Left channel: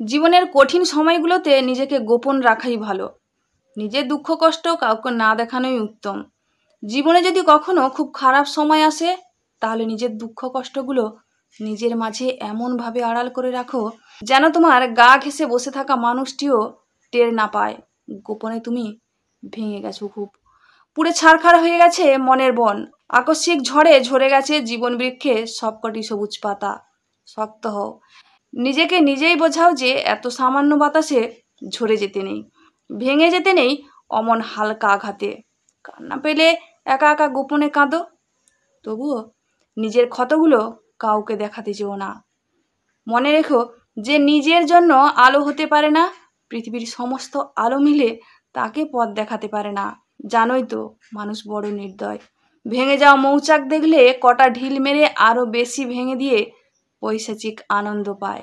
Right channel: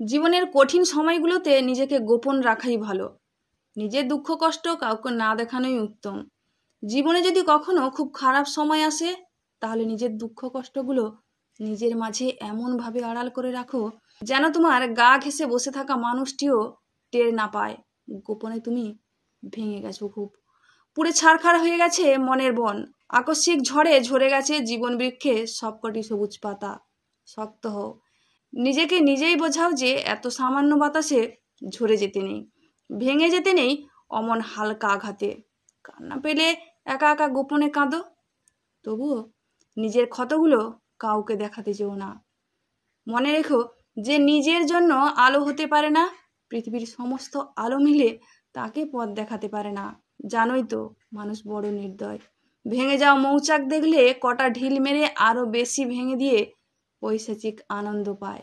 জীবনের কঠিন সময়গুলোতে নিজেকে গোপন রাখাই ভালো। নিজের দুঃখ কষ্ট কাউকে না দেখানোই উত্তম। জীবনে যদি কখনো খুব খারাপ সময় আসে, তাহলে নিজের দুঃখ কষ্টগুলো নিজের মাঝে এমনভাবে আড়াল করে রাখো যেন তোমার গা ঘেঁষে বসে থাকা মানুষটিও টের না পায় গোপনে তুমি ভেঙে গেছো খুব। পুড়ে ছারখার হয়ে গেছে মনের বন, আকস্মিক ঝড়ে ঝরে গেছে জীবন বৃক্ষে সবকটি সবুজ পাতা। শক্ত হও, নিজেকে নিজেই বোঝাও যে এত সামান্য বাতাসে ঝরে যেতে নেই, ভেঙে যেতে নেই অমন হালকা আঘাতে। কান্না পেলে একা একা গোপনে কাঁদো, তবুও নিজের ক্ষতগুলো কাউকে দেখাতে যেও না। মনে রেখো, যে নিজের জন্য আলো হতে পারে না, পৃথিবীর সমস্ত আলো মিলে তাকে পথ দেখাতে পারে না। জানোই তো মানুষ বড় নির্দয়, ভেঙে যাওয়া মৌচাক দেখলে কটা ঢিল মেরে আরো বেশি ভেঙে দিয়ে পৈশাচিক আনন্দ পায়।